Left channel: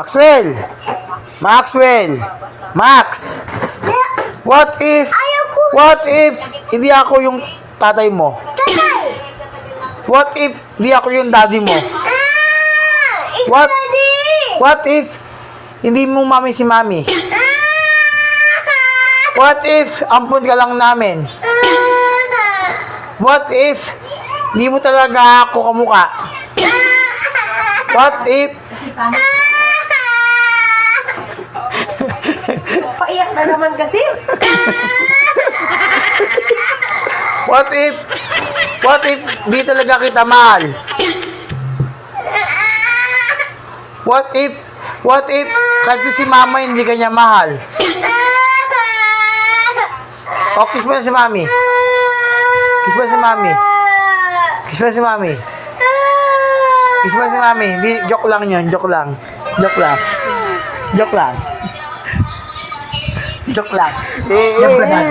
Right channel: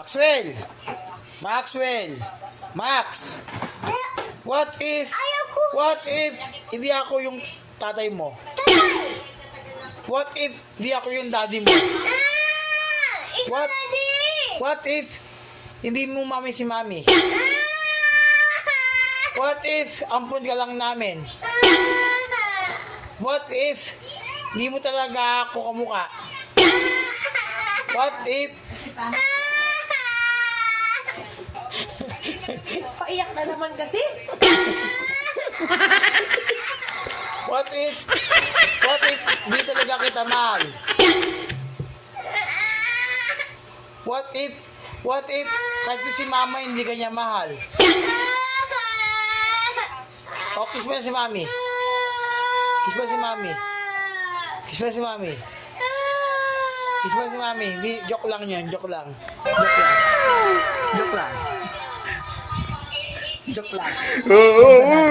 Maxwell! Maxwell! Max! What if hindi ako yung tatay mo? What if hindi ako yung daddy mo? What if hindi mo mami si mami? What if ampun ka lang namin? What if hindi mo talaga ako kamukha? What if Paiyak na naman kasi. What if di talaga kita mahal? What if kasi si mama hindi kanya mahal? O, kiss mo na si mami. Kiss mo na si mami. Kiss mo na si mami. Kiss mo na si mami. Di, joke lang yun, joke lang. Joke lang. Joke lang. Joke lang. Joke lang.